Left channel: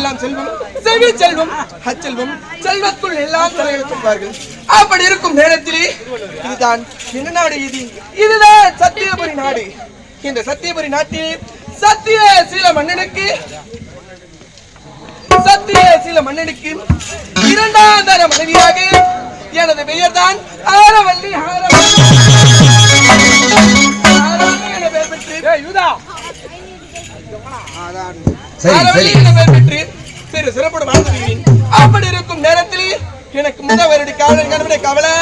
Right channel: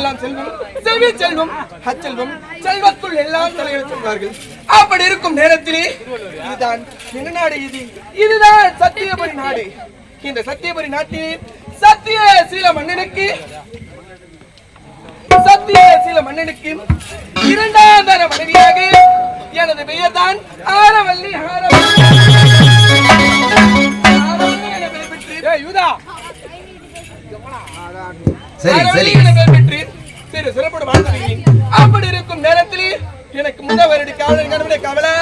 செல்வத்துக்கெல்லாம் செல்வம், செல்வி செல்வம், அச்செல்வம், செல்வத்துள் எல்லாம் தலையில் சொல்வார்கள். அப்படி இருக்கும் நேரத்திலே இதுதான் என்ன நாடு? இதுதான் சத்தியபுரி நாடு. இந்த சத்தியபுரி நாட்டிலே சத்தியசீல மன்னனுக்கு இரண்டாம் தர மனைவியாக எனது பெயர் தான் ஆரவல்லி. சிறப்போடு வாழ்ந்து வருகிறேன். அப்படி இருக்கும் நேரத்தில் எனக்கு முதல் வருட கவலை கவலை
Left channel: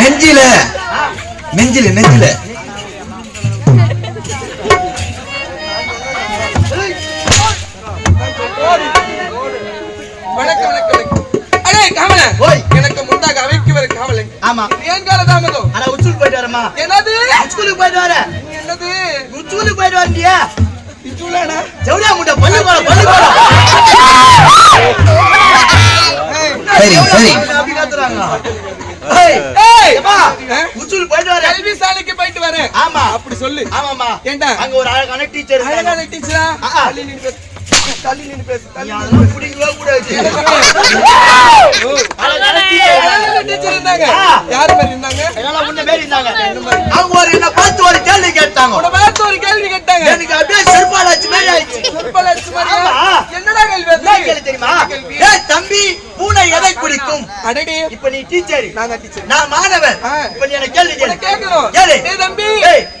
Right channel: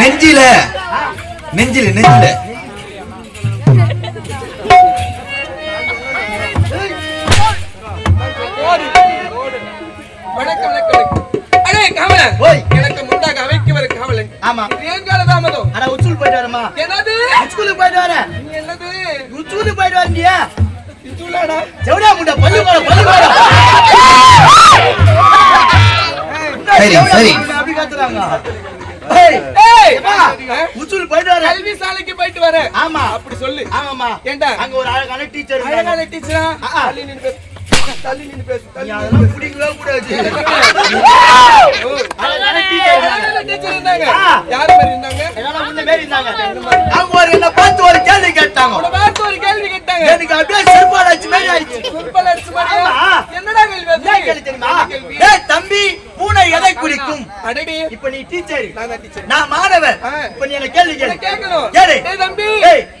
நெஞ்சில நெஞ்சில எனக்கு முன்னாக அவைக்கு வர காவலன். ஆமா, ஏன் காலதாமதம்? அட உச்சுக்கு போயிட்டு வரமா. என்னது உச்சுக்கு போயிட்டு வர? என்னது உச்சுக்கு போயிட்டு வரண்டியா? இச்சுலாடா ஜவுடா முண்ட பல்லு போற. சரி சரி அப்படி கத்துறாங்க. உச்சுக்கு போயிட்டு வர? கல்வி சாலைக்கு போயிட்டு வரேன். ஆமா, அப்படி சொல்லு. ஆமாமா. ஏண்டா அங்க ஒரு அழகான டீச்சர். அழகான டீச்சரா? தள்ளி நின்னு பேசு. அதெல்லாம் புடிங்கவே கூடாது. அழகான டீச்சர் இருந்தாங்க. யார் மாதிரி இருந்தாங்க? எல்லாம் முன்ன மேல இருந்தாங்க. அவங்க ஒரு என்ன பார்த்து ஒரு கேள்வி கேட்டாங்க. உன பார்த்து ஒரு கேள்வி கேட்டாங்க. எனக்கு அப்படியே செருப்பால அடிச்சு மாதிரி ஆயிடுச்சு. செருப்பால அடிச்சு மாதிரி. என்னடா கேள்வி? என்ன கேள்வி தெரியுமா? ஏய் தம்பி, பூனை எதை குடிக்கும்? அடடி, இப்ப நீ டீச்சர், நான் டீச்சர், நான் மாணவன். இப்ப நீ என்ன கேள்வி கேட்கணும். ஏய் தம்பி,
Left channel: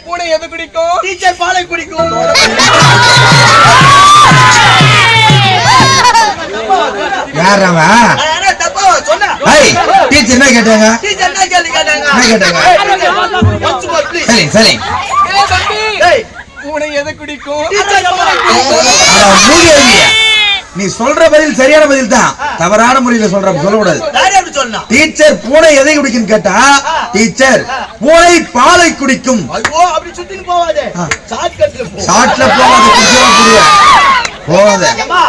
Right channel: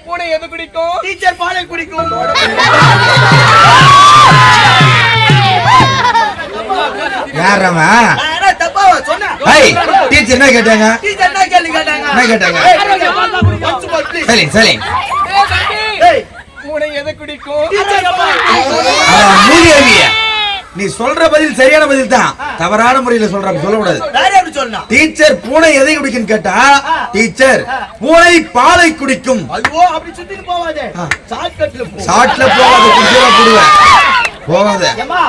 பூனை எதை குடிக்கும்? டீச்சர் பாலை குடிக்கும். யாரவா انا தப்பாவா சொன்னா? ஏய் டீச்சர் என்ன கேட்டாங்க? டீச்சர் என்ன கேள்வி கேட்டாங்க? என்ன கேட்டாங்க? once more please. சரி சரி. ஏய் தம்பி, ஏய் பூனை எதை குடிக்கும்? டீச்சர் பாலை குடிக்கும். மூதேவியா, நீ சொல்ற பதில் சரியான பதில் தான். தவறான முறையில சொல்ல கூடாது. வேற எப்படி சொல்லணும்? டீச்சர் பூனை எதை குடிக்கும் கேட்டா, டீச்சர் பூனை பாலை குடிக்கும். ஐயோ அப்படி சுத்திட்டு போவாதே. ஷார்ட்கட்ல போ. ஷார்ட்ல போவாத, குடிச்சா போடுவேன். போவாத. ஏமா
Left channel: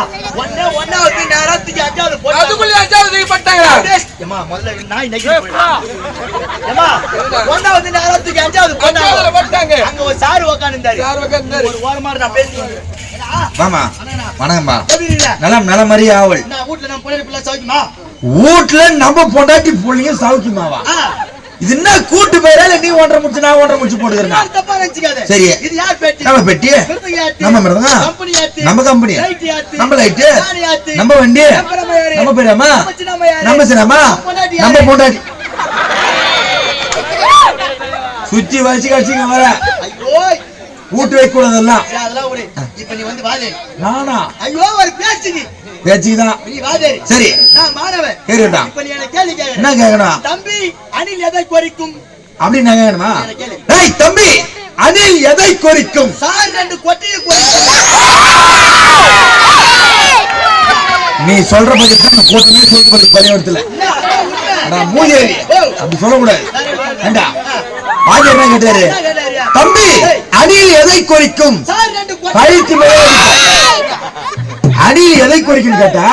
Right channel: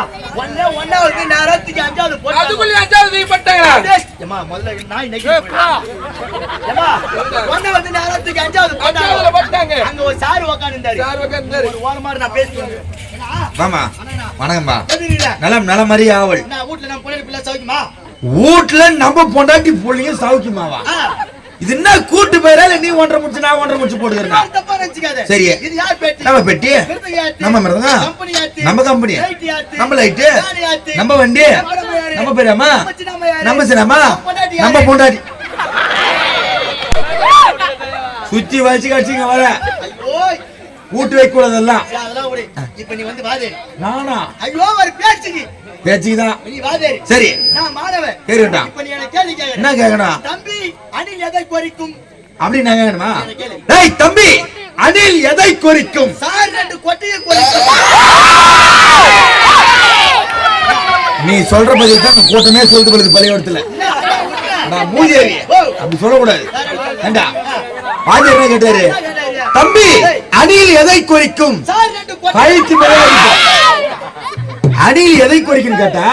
ஒண்ணே வந்து நேரத்துக்கு அஞ்சாவது போடு. அதுக்குள்ள அஞ்சாவது போட்டாங்க. ஏமா முதல்ல நாய் நெகிரி போடா. ஏமா ஒண்ணே வந்து நேரத்துக்கு அஞ்சாவது போட்டாங்க. அங்க ஒரு சார் உட்கார்ந்தாரு. ஒரு வாரமா நான் பேசுறேன். மாமா வணக்கம்மா. நலம் மாதிரி ஆவல். நான் வீட்ல நம்ம பொண்ணு பிள்ளை சௌக்கியமா? வீட்ல நம்ம பொண்டாட்டி புள்ளைங்க சௌக்கியமாவா? இது என்ன கூட்டு பேரா இல்ல நீ ஒன்றரை முடிச்சு நான் ஒன்றரை முடிச்சு போட்டுக்கிறேன்? நான் தப்பா நினைச்சுக்காத. சரி, இது யார் பெட்டி? நம்ம பெட்டி, நம்ம மருதங்க, கம்பெனி யாத்து, நம்ம கம்பெனி, நம்ம லைட், நம்ம வண்டி, நம்ம பேரமா, நம்ம சினமா, நம்ம பொண்டாட்டி. சுத்தி வச்சு கட்சிங்க வர. ஐயோ கூட்டு வைக்க கூடாதெல்லாம். அதெல்லாம் விடு. இப்போ நீ வந்து வாதே. நானா? ஐயோ ஒரு பேச்சுக்கு. பேச்சுதான். நீ வாதே. சரி. நான் மாறவே. கேளுடா. இப்போ நீ என்ன கேள்வி கேக்குற? என்ன கேக்குறா? தம்பி அணில் எதை குறிக்கும்? அப்படி நான் கேக்குறேனா? டேய் தம்பி, அணில் எதை குறிக்கும்? சார் ரெண்டு கொட்டையை குறிக்கும். நீ சொல்ற பதில் தான் கூட்டமே சொல்லிட்டு போறது பள்ளிக்கூடத்துல. நான் மூதேவி. அப்படி சொல்ல கூடாது. ஏண்டா? ஆதி என்ன கேட்டாரு? தம்பி அணில் எதை குறிக்கும்? கழித்து அணில் எதை குறிக்கும் கேட்டா,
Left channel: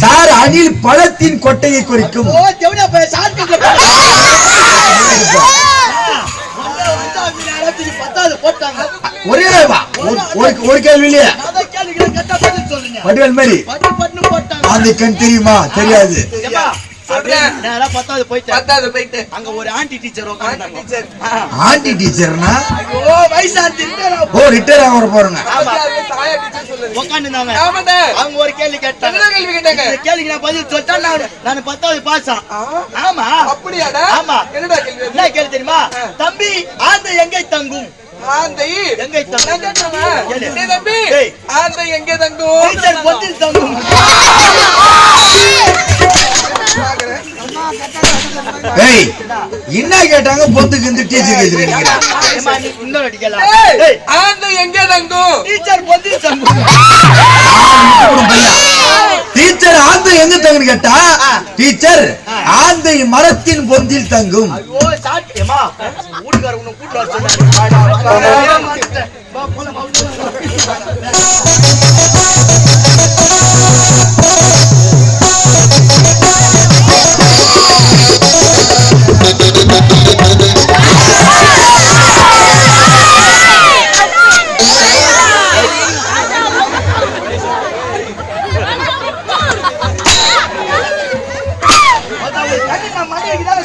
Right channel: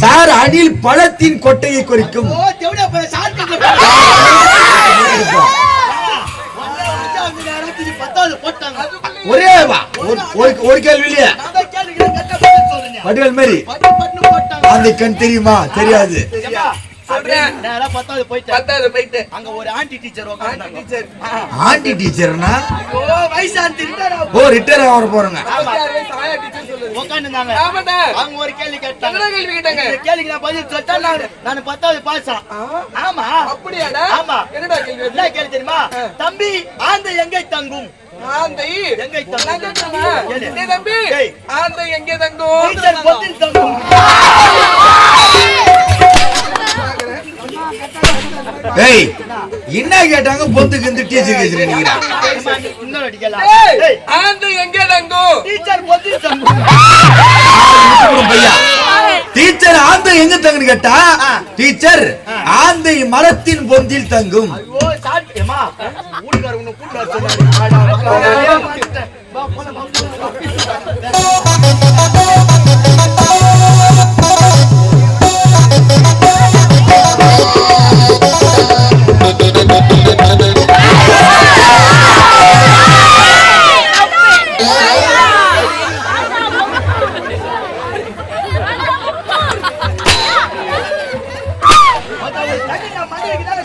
சார் அணில் பழத்தின் கொட்டையை குறிக்கும். ஒரே ஒரு கேள்வி இல்லையா? வடிவேல் மாதிரி அந்த கண் தெரியுமா? தெரியாது. போயிட்டு அங்க ஒரு ஆண்டி டீச்சர் உட்கார்ந்தாங்க. ஆண்டி டீச்சர்னா ஐயோ வயசாண்டி ரிட்டையர் ஆவற போறாங்க. உட்கார்ந்தாங்க. அவங்க ஒரு கேள்வி கேட்டாங்க. இந்த கேள்விக்கு நான் பதில் சொல்லிட்டா நான் 10வது பாஸ். ஆமா அப்படியாடா? ஆமா. என்னடா கேள்வி? என்ன கேள்வி தெரியுமா? தம்பி ஆந்தை எங்கே தங்கும்? ஆந்தை எங்கே தங்கும்? தம்பி ஆந்தை எங்கே தங்கும்? டீச்சர் பொந்தில் தங்கும். ஏய் என்ன கேட்டாங்க? பொந்துக்கு இந்த டீச்சர் கேக்குறீங்க. இன்னொரு அடிக்கலாம். ஆந்தை எங்கே தங்கும்? டீச்சர் பொந்தில் தங்கும். டீச்சர் ஆந்தை எங்க தங்குன்னு கேட்டா, டீச்சர் ஆந்தை மரத்தின் பொந்தில் தங்கும். ஐயோ சாட்டியமா ஊர்கார உன்னை கூட்டி வர சொன்னாரு.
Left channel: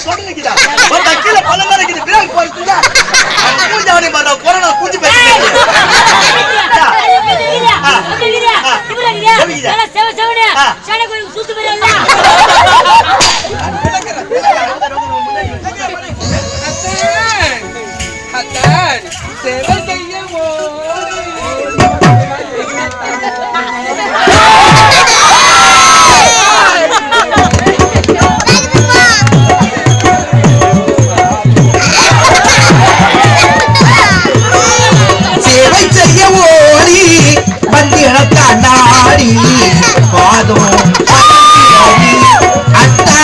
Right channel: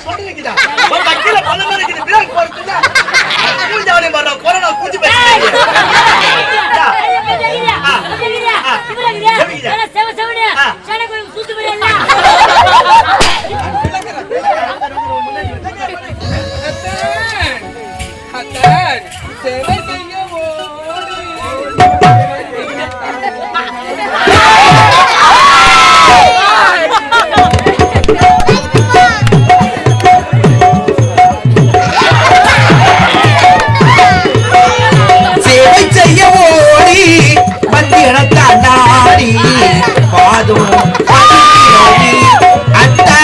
சொல்றது இருக்குதா ஒரு கீழ பல்ல மாதிரி இருக்குது பிரேக் போறதுல மூஞ்சி அவனே மாட்டா கொரோனா கூஞ்சி பேசிட்டு சேவை செய்யவோ சேவை செய்ய ஓடி வந்து நாடி பாதும் அத்தா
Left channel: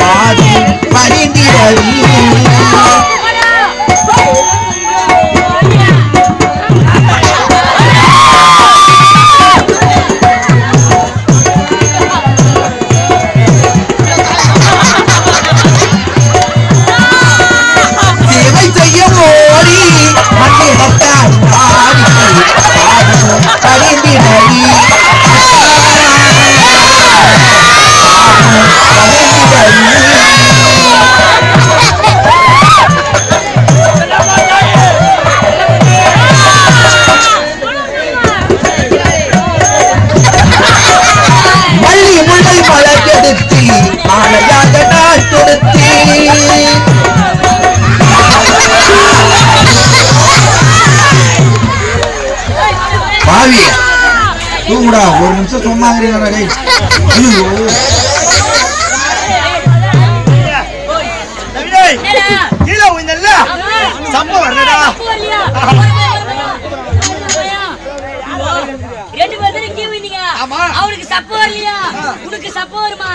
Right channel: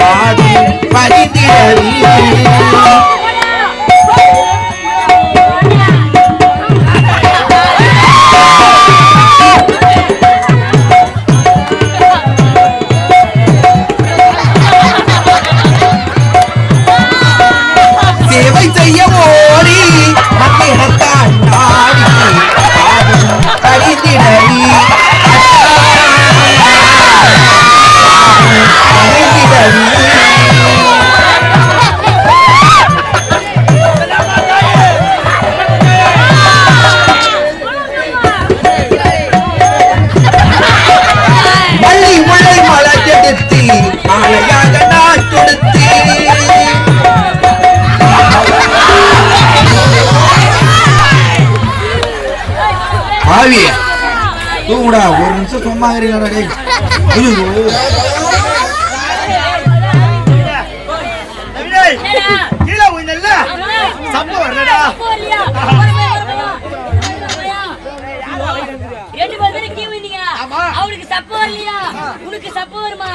பாதும் பரிந்திரவி சேவை செய்ய ஓடி மல்லி முல்லை மலை கெடுத்தி மாலையாக நான் கொடுத்தி பாவி தூங்குடா ஒரு நிமிஷம் சும்மா இருக்கிறீங்க கீழே உயிர்ந்தல்ல சப்ப வரலடா ரெண்டு பேரும் கீழே வந்தீங்க அவனுக்கு சப்ப வரலையா உனக்கு சப்ப வருமா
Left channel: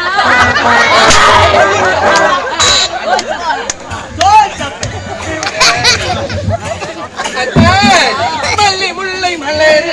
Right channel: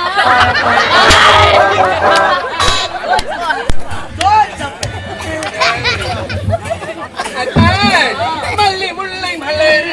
மல்லி முல்லை மலர்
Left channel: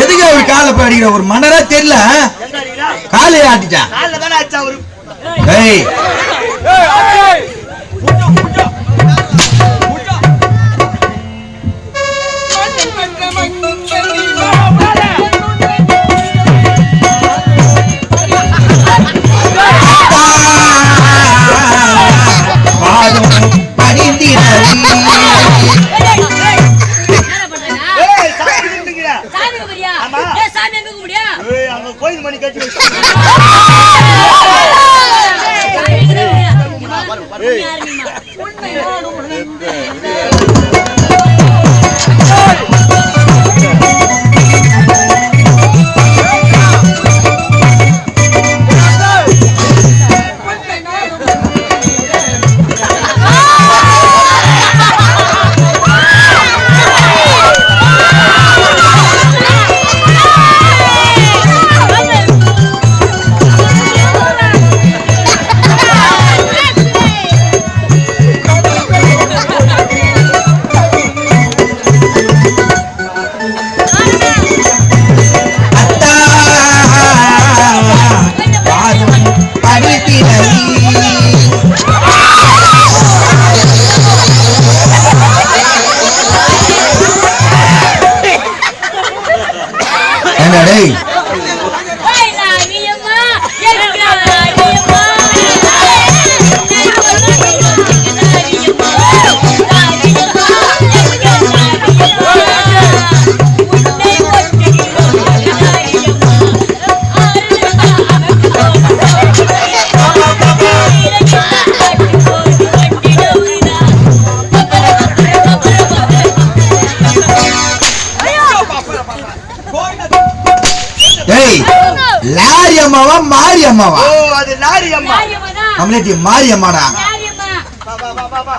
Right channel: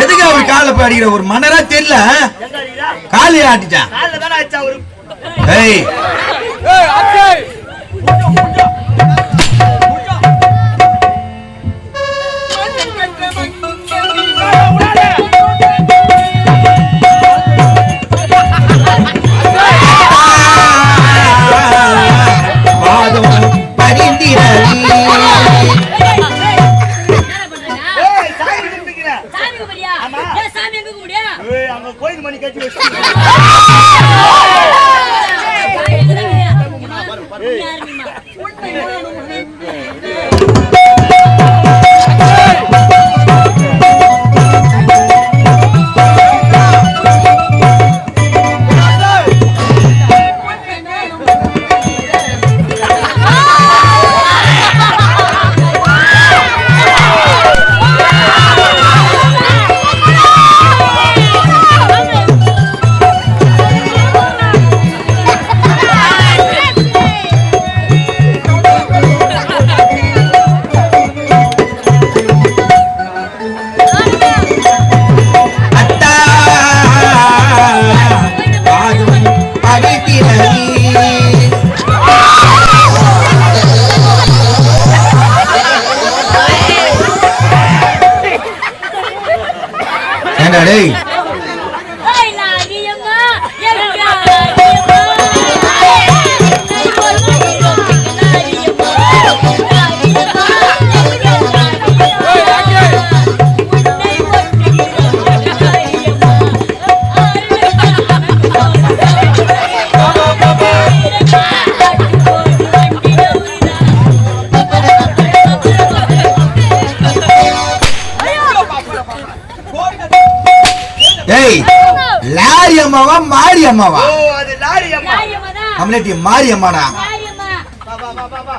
எதுக்கு அவர் காலை பாடிக்கிற ஒரு மன்னரா தெரியல காலையில ஆட்டிச்சான் காலைல தானே ஆச்சா அவரு ஏய் அங்க கோயில் மணி கட்டி வச்சு லாரி அம்மாவா மாரி அம்மாவா? ஓ அது லாரி அம்மா. கம்யூனிட்டி மாரி அம்மாடா. வா வா வா வா வா.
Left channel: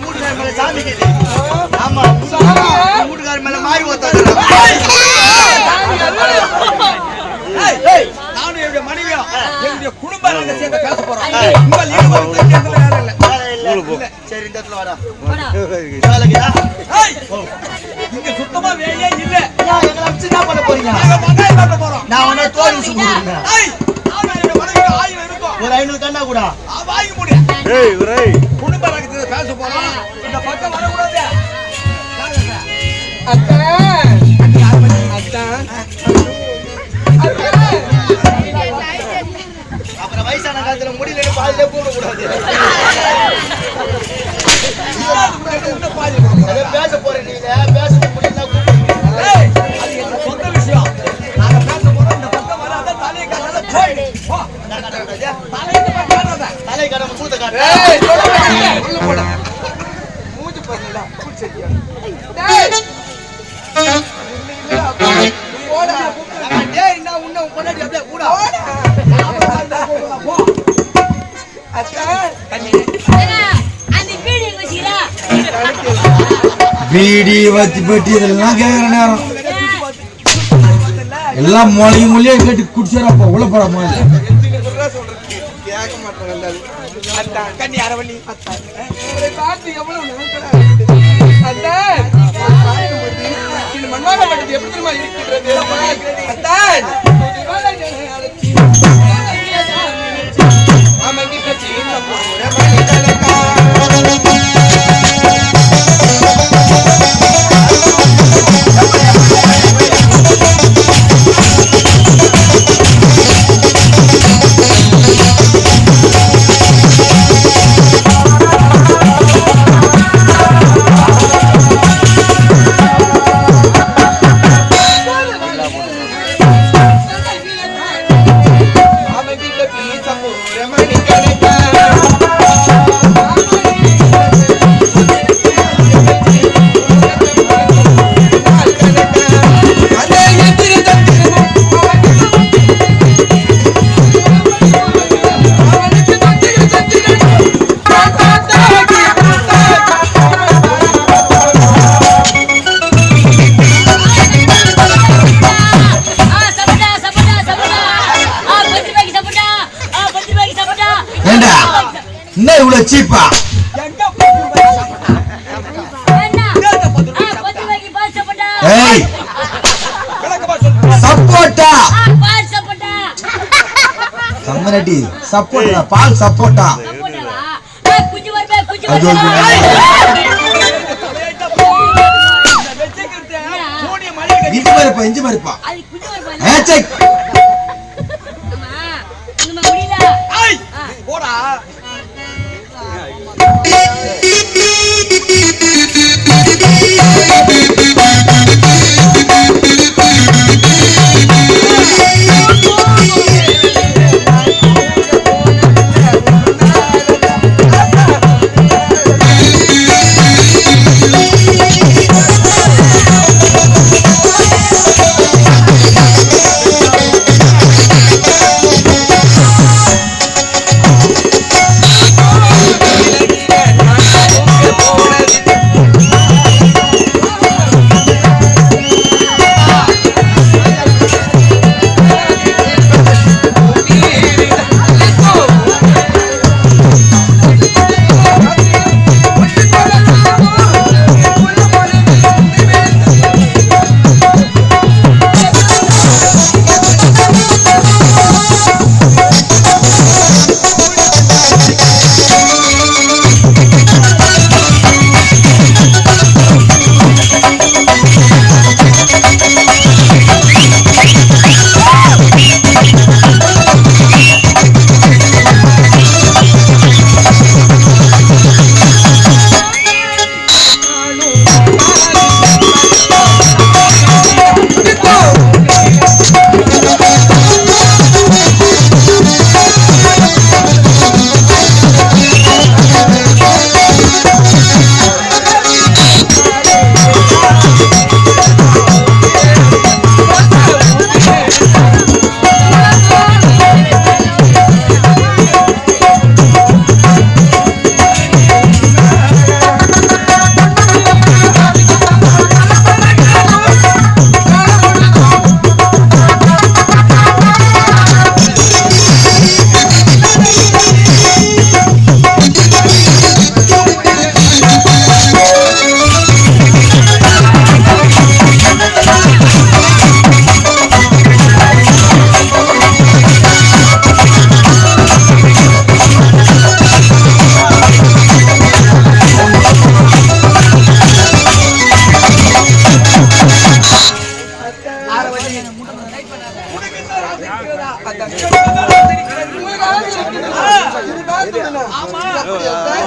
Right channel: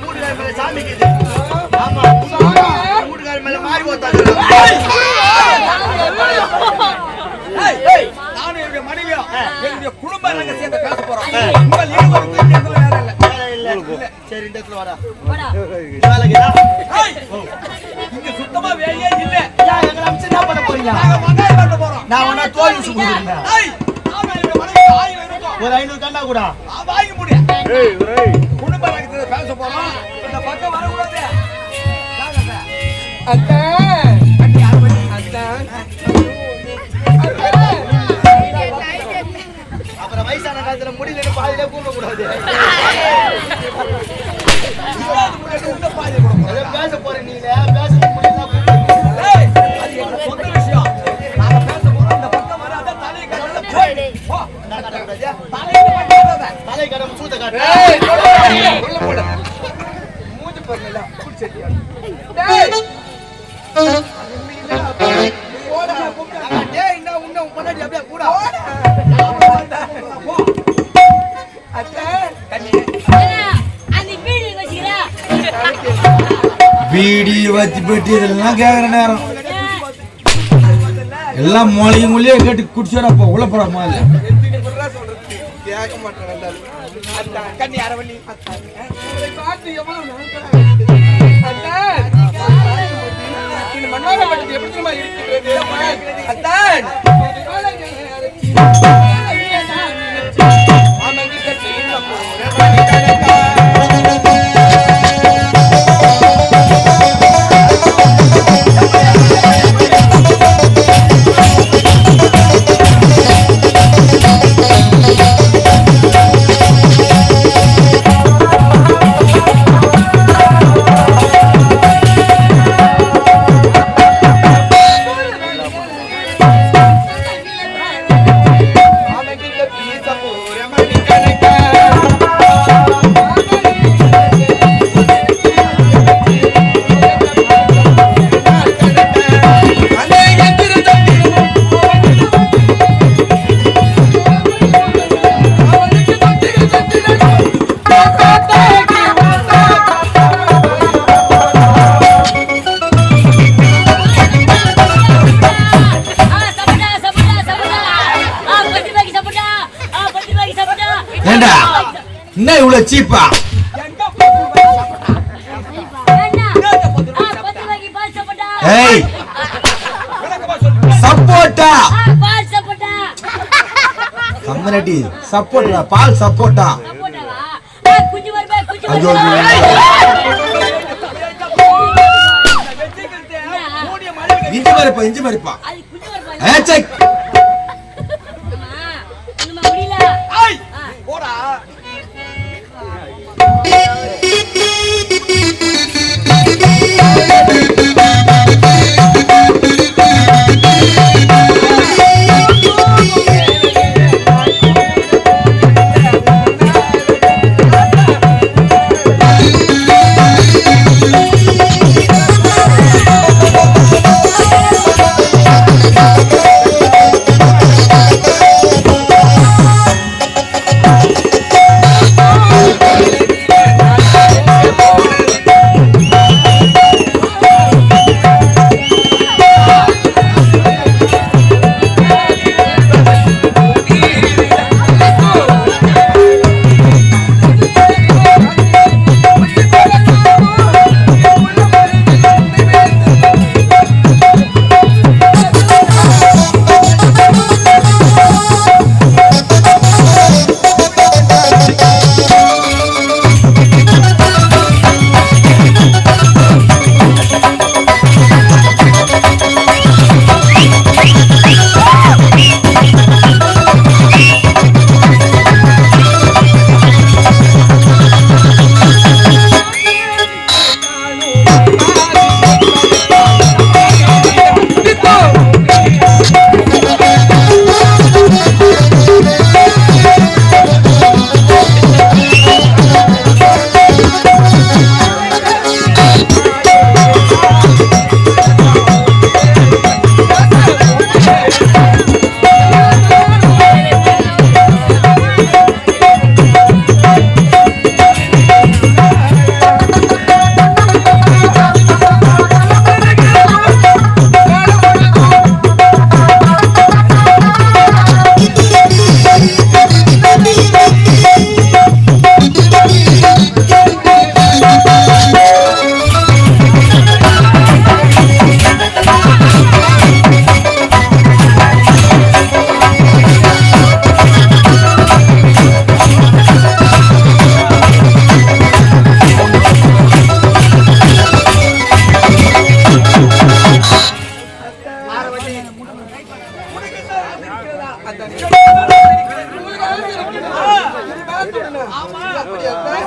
ஊட்டுக்கார மேல சாமி கேட்டு. ஆமா ஊட்டுக்கார மேல மாறி போத்தாங்க. நானும் என்னுடைய மனைவியும் என்னுடைய குடும்ப ரகசியத்தை பேச போறோம். உங்கள் ஈடுபாடு நேரம் இல்ல. இல்ல. சரி இந்த இடத்துல வாடா. போடா. வேலைக்குதா? ஏய், இங்க சுத்தமா வேலையே இல்ல. ஏன் எங்களை வச்சு என்ன பண்ண போறீங்க? நாங்க வெங்காயம் வெட்ட போறோம். நான் உன்னை தோல் ஊசி கொடுக்குறேன். ஏய், ஆமா, என்னோட மனைவி 1000 இருக்கும். ஒரு 500 கண்டா கூட. வாங்கி முடிய. குடும்ப ரகத்துல பேச போறோம். இந்த பக்கம் வரக்கூடாது. அத்தான் கண்ணி யார் பண்ணி? அத்தான் அத்தான் அப்புறம் வயசான காலத்துல முடியலன்னு பாதியிலே கூப்பிட கூடாது. இல்லாத முன்னாடி உன்னை பாதி போட போறோம். அதே பேச போறேன் நீங்க பேச முடியல கூப்பிடுங்க. ஏய், அது எங்க சொந்த விஷயம். நாங்க பேச போறோம். இந்த பக்கம் வராத, தலையை காட்டாத, போயிடு. போ. நான் காட்டக்கூடாது. தலையை இந்த பக்கம் காட்டாத. தலை கடமை சூத்த காட்டு. ஏய் உள்ள போடா மூஞ்சி பாருடா புடிச்சிட்டியா டேய் போடா டேய் நான் உன்னை உன் பொண்டாட்டி அப்படியே கூட. போ. அத்தான் ஏன்னா, அந்த வீடு எங்க வச்சுக்கிறா? பீடி வச்சு பெட்டி இதெல்லாம் கேட்கற நேரம் எல்லாம் மொழியும் மொழியும் கேட்டு குடிச்சாரப்ப உள்ள போட முதல்ல எத்தனை குறா சொல்றது கேட்க மாட்டேன் எல்லாரும் அத்தான் கண்ணி அரவணி. அத்தான் இவரை பார்த்து எவ்வளவு நாட்களா அத்தான் இவரை பார்க்கும்போது இந்த மண்வாளப்பட்டது எப்படி தெரியுமா இருக்கின்றது அத்தான் மாமங்கி கட்டி போற மணி கணக்கா மாமங்கி கட்டி போற மணி கணக்கா ஏண்டா என்ன இவ்வளவு சீப்பா எங்க 10 ரூபாய் சாப்பிட்டா? ஏய் விளக்கமா சொல்லு. சப்போட்டா சம்மரடி சப்போட்டா பால் சப்போட்டா ஐயோ, இந்த வெச்சிக்கிட்டு மூடிய மழை இஞ்சி மரிப்பா இஞ்சி மரிப்பா ஏச்சே ஐய், போடா.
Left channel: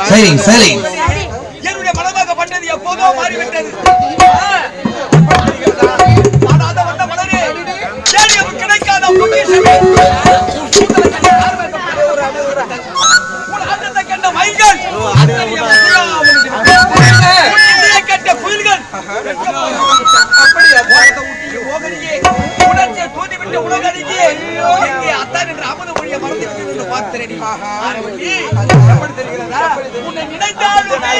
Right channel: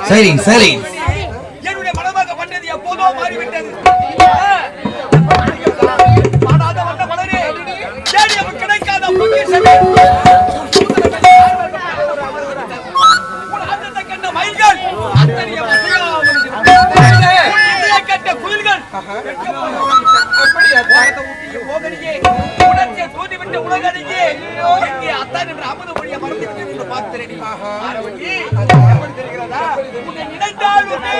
சரி சரி என்னுடைய மனமாகப்பட்டது எப்போதோ மாறிவிட்டது. பாடாத வந்த மலரே, தேடியவன் கிடைக்காத பொக்கிஷமே. உன் ஆட்டத்தை கண்ட மயில்கள் அத்தனைய கட்ட குயில்கள் உணர்ச்சியை தூண்டிவிட்ட உலகறிஞே எங்கே அத்தான் என்ற அமுத மொழியை மறந்துவிட்டு என்று பார்க்கிறேன். ஆரவண்டி எப்படி தெரிகிறதா? உன்னை நினைத்தாலுமே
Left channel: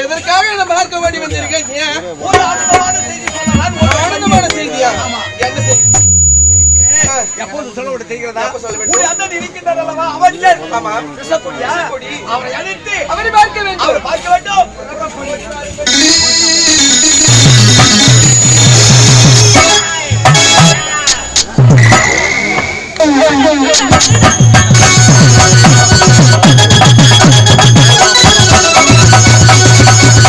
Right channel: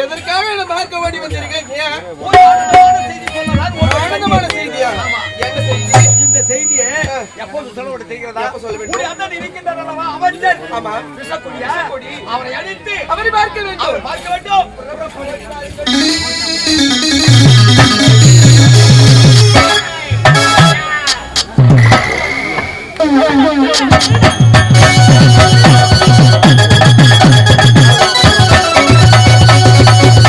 எதற்காக என்ன பார்க்க ஓடி வந்திருக்கேன்? ஒரு ஆனந்தமான செய்தி சொல்லலாம். ஒரு ஆனந்தமான செய்தியா? என்ன செய்தி? இந்த செய்தியை எப்போது சொல்ல தெரிகிறதா? ஒரு அண்ணன் இருக்கின்றார் அல்லவா, அமைச்சர். ஆமா, கிருஷ்ணகுடியா? அவரை அழைத்து அவரை பார்க்க வேண்டும். அவரை பார்க்க வேண்டும்.